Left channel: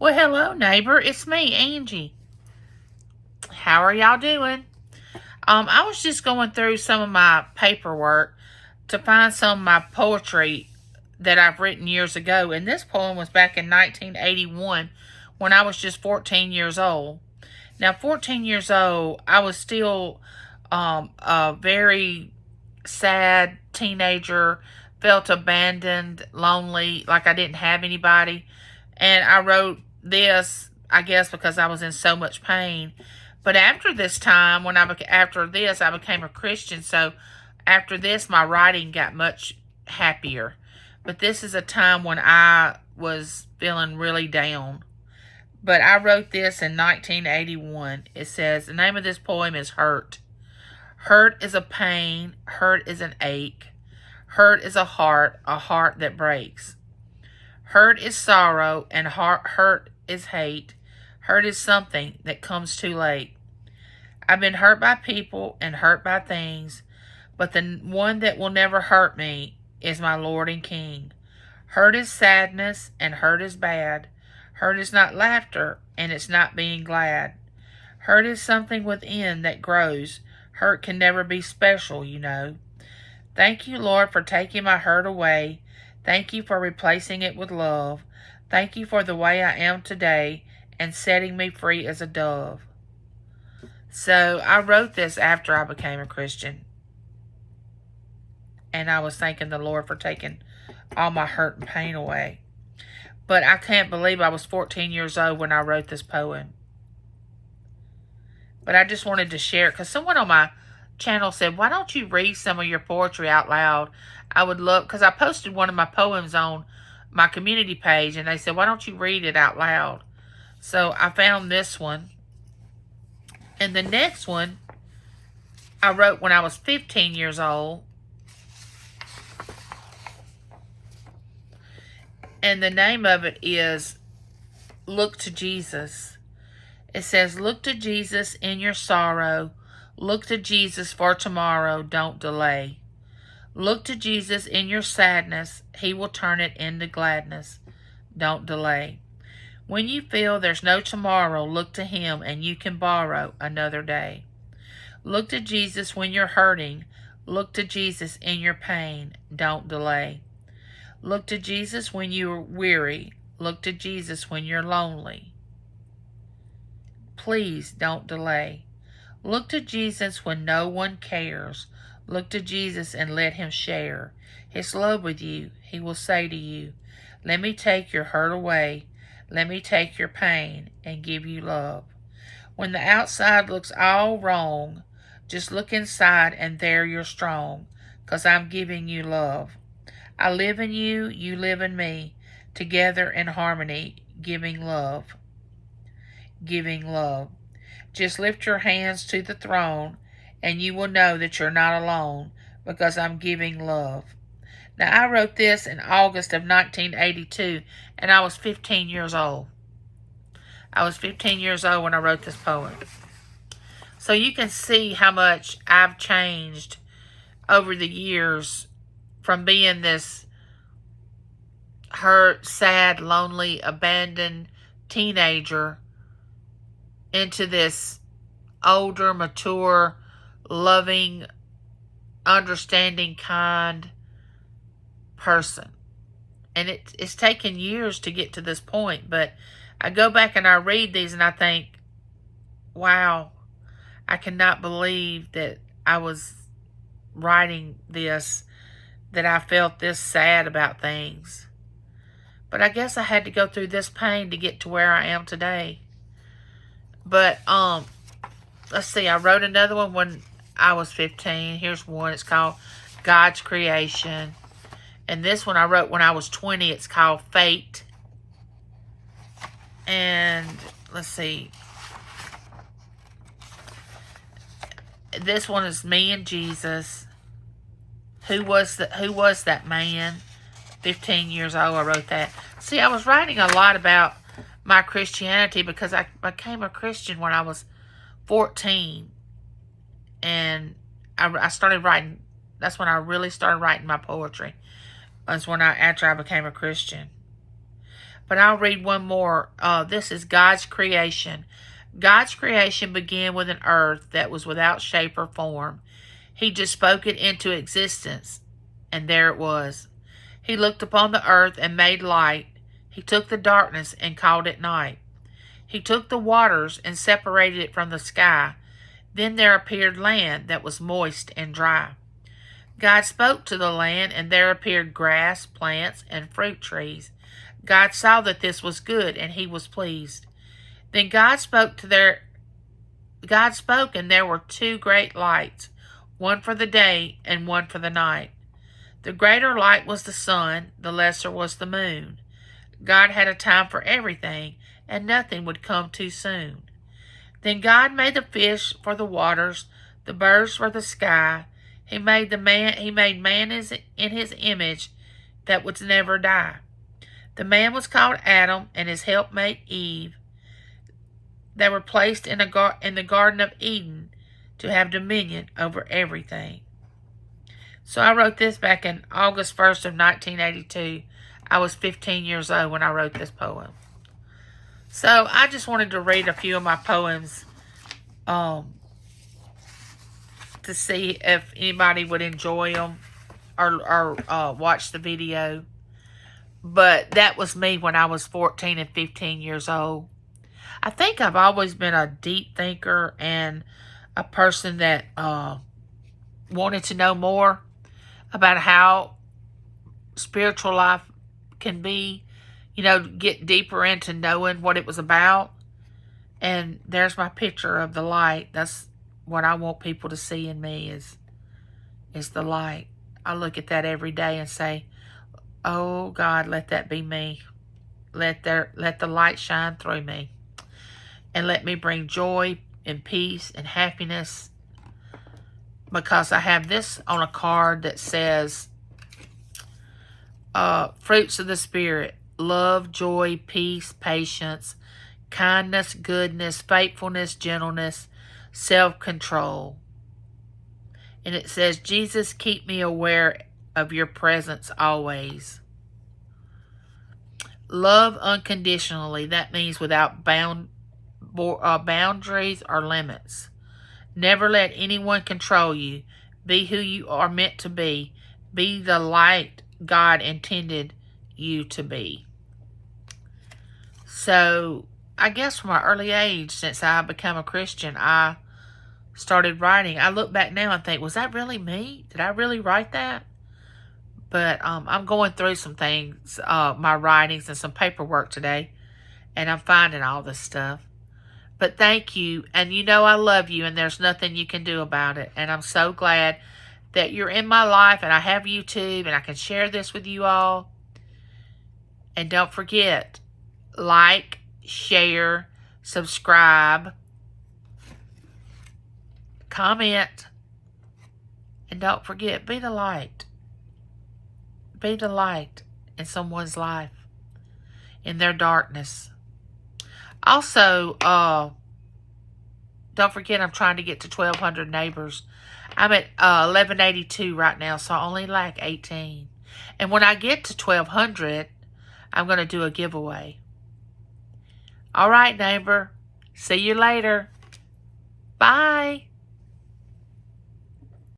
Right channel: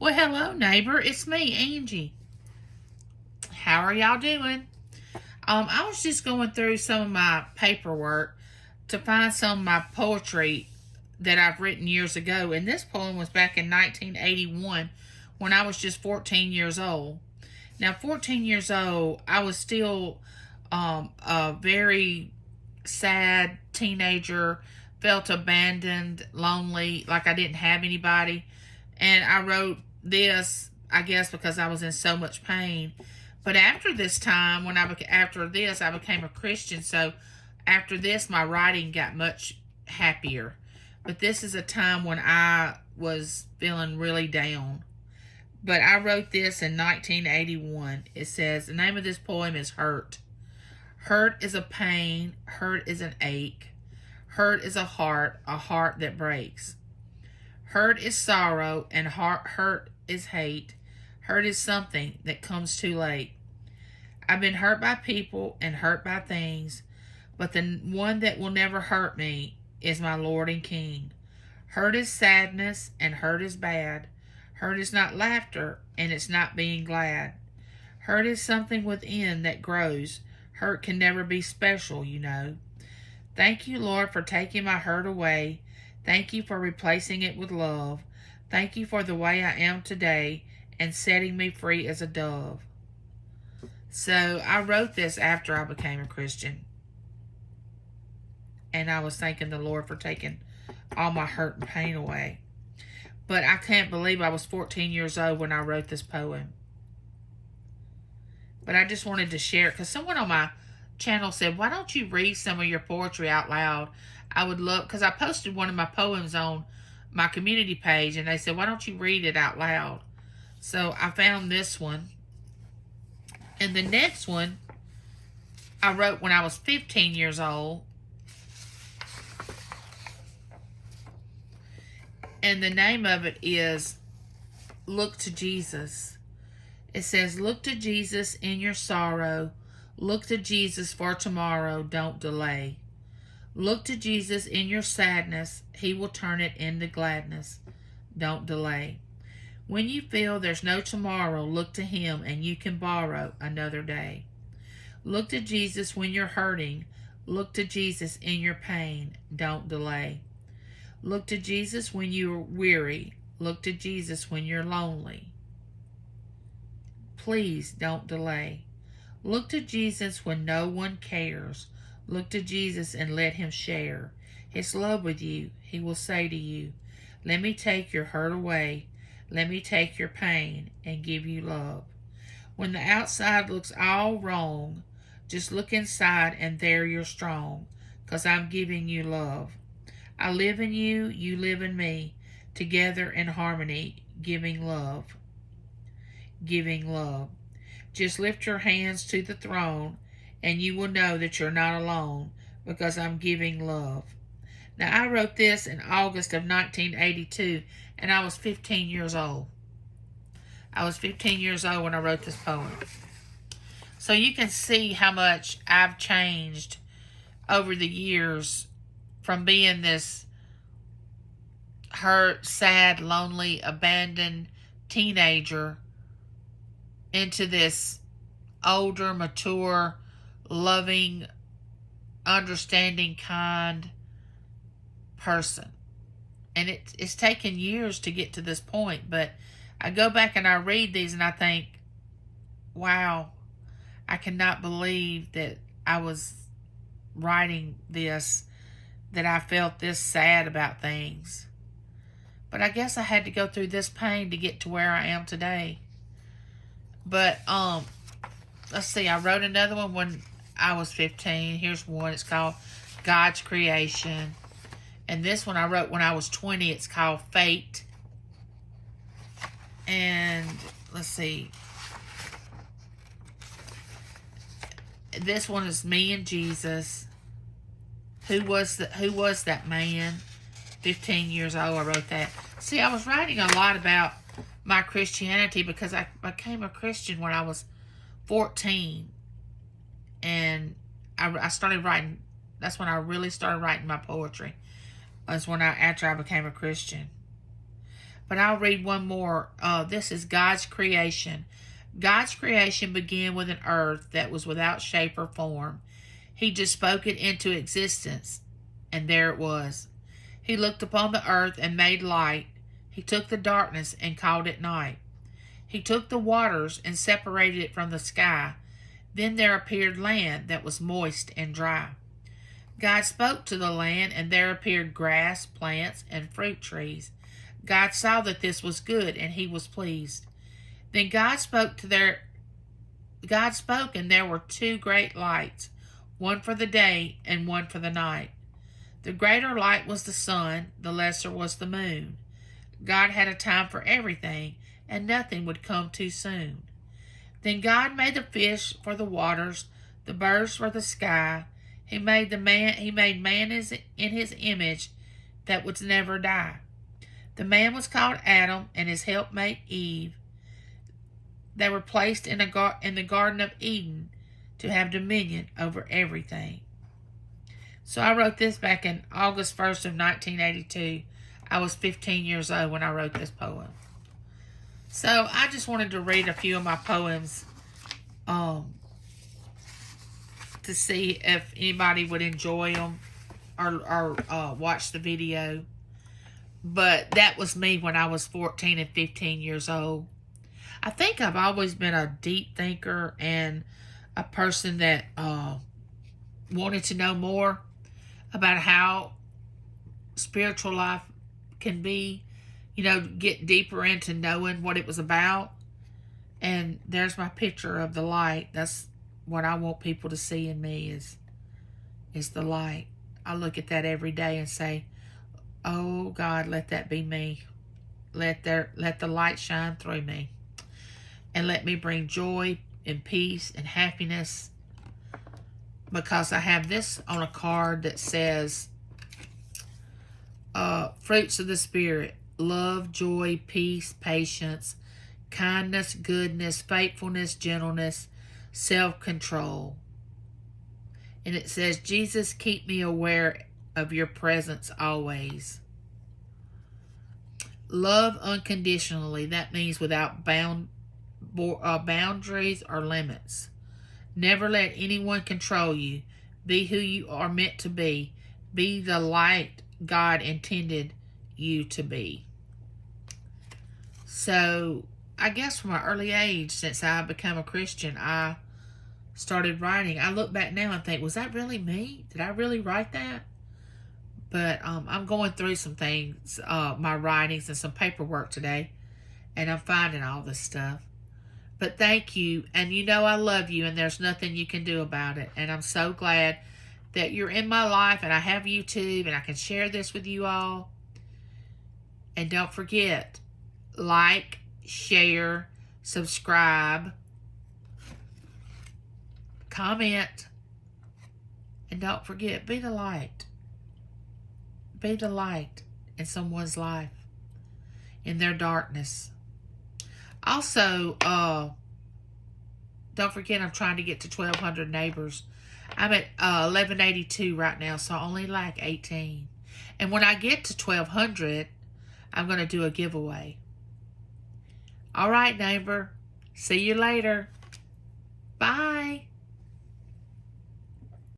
Well, hello, neighbor. It's me, Angie. How are y'all doing? I was just going through some of my paperwork to find some of my poetry that I've written years ago, and this poem was back in 1981 when I was just 14 years old. Now, 14 years old, I was still a very sad teenager, felt abandoned, lonely, like I didn't have anybody. And I wrote this, I guess, because I was in so much pain. But after this time, after this, I became a Christian. So after this, my writing got much happier. But this is a time when I was feeling really down. But I wrote this in 1981. It says, the name of this poem is Hurt. Hurt is a pain, hurt is an ache. Hurt is a heart that breaks. Hurt is sorrow, and hurt is hate. Hurt is something that comes too late. I've been hurt by people and hurt by things, but the one that will never hurt me is my Lord and King. Hurt is sadness, and hurt is bad. Hurt is not laughter, and it's not being glad. Hurt is something within that grows. Hurt can never be special, you know. Thank you, Lord, for taking my hurt away. Thank you for replacing it with love. Thank you for the way I am today and setting me free as a dove. So I wrote this after I became a Christian. And I was thanking the Lord for taking all my hurt and pain away. But I can't believe I was 14 years old when I wrote this poem. But I just wanted to share it because someone on my channel said, why don't you read some of your poetry out loud? I would love, because I posted one of my poems on my community page, and they said, why don't you read it out loud? So I found this one. And the next one I wrote when I was 15 years old. And the name of it is Look to Jesus. It says, look to Jesus in your sorrow. Look to Jesus for tomorrow. Don't delay. Look to Jesus in your sadness. He will turn it into gladness. Don't delay. When you feel there's no tomorrow, look to Him and you can borrow another day. Look to Jesus when you're hurting. Look to Jesus in your pain. Don't delay. Look to Jesus when you're weary. Look to Jesus when you're lonely. Please don't delay. Look to Jesus when no one cares. Look to Jesus and let Him share His love with you. He will say to you, let me take your hurt away. Let me take your pain and give you love. When the outside looks all wrong, just look inside and there you're strong, 'cause I'm giving you love. I live in you, you live in me, together in harmony, giving love. Giving love. Just lift your hands to the throne and you will know that you're not alone because I'm giving love. Now, I wrote this in August of 1982 and I was 15 years old. I was 15 years old when I wrote this poem. So you can see how much I've changed over the years from being this hurt, sad, lonely, abandoned teenager into this older, mature, loving, understanding, kind person. And it's taken years to get to this point, but I go back and I read these and I think, wow, I cannot believe that I was writing this, that I felt this sad about things. But I guess I had to go through this pain to get to where I am today. But, let's see, I wrote another one when I was 15. Here's one. It's called God's Creation. And this one I wrote when I was 20. It's called Fate. And, let's see. This one is me and Jesus. Who was that man? 15 years old, I wrote that. See, I was writing a lot about my Christianity because I became a Christian when I was 14. And I started writing, that's when I really started writing my poetry. Was after I became a Christian. But I'll read one more. This is God's creation. God's creation began with an earth that was without shape or form. He just spoke it into existence, and there it was. He looked upon the earth and made light. He took the darkness and called it night. He took the waters and separated it from the sky. Then there appeared land that was moist and dry. God spoke to the land, and there appeared grass, plants, and fruit trees. God saw that this was good, and he was pleased. Then God spoke, and there were two great lights, one for the day and one for the night. The greater light was the sun, the lesser was the moon. God had a time for everything, and nothing would come too soon. Then God made the fish for the waters, the birds for the sky. He made man in his image that would never die. The man was called Adam, and his helpmate Eve. They were placed in the Garden of Eden to have dominion over everything. So I wrote this back in August 1st of 1982. I was 15 years old when I wrote this poem. So I just wanted to read a few of my poems to see if anybody would enjoy them or watch the video. But that was me when I was 14 and 15 years old. I think I've always been a deep thinker and a person that wanted to know more about how spiritual life can be, get deeper into knowing what it was about. And there's my picture of the light. That's what I want people to see in me is the light. I look at that every day and say, oh God, let that be me. Let the light shine through me. And let me bring joy and peace and happiness, because I have this on a card that says, fruits of the Spirit: love, joy, peace, patience, kindness, goodness, faithfulness, gentleness, self-control. And it says, Jesus, keep me aware of your presence always. Love unconditionally. That means without boundaries or limits. Never let anyone control you. Be who you are meant to be. Be the light God intended you to be. So, I guess from an early age, since I became a Christian, I started writing. I look back now and think, was that really me? Did I really write that? But I'm going through some things, my writings and some paperwork today, and I'm finding all this stuff. But thank you, and I love you, and there's nothing you can do about it. And I'm so glad that you're in my life, and I have YouTube, and I can share this with you all. And don't forget, like, share, subscribe, comment, and don't forget, be the light. Be the light in someone's life, in their darkness. Also, don't forget, I'm trying to get to 1,200 neighbors. I'm at 1182 right now, so I only lack 18. And when I get to 1,200, I'm going to do a giveaway. All right, neighbor. See you later. Bye.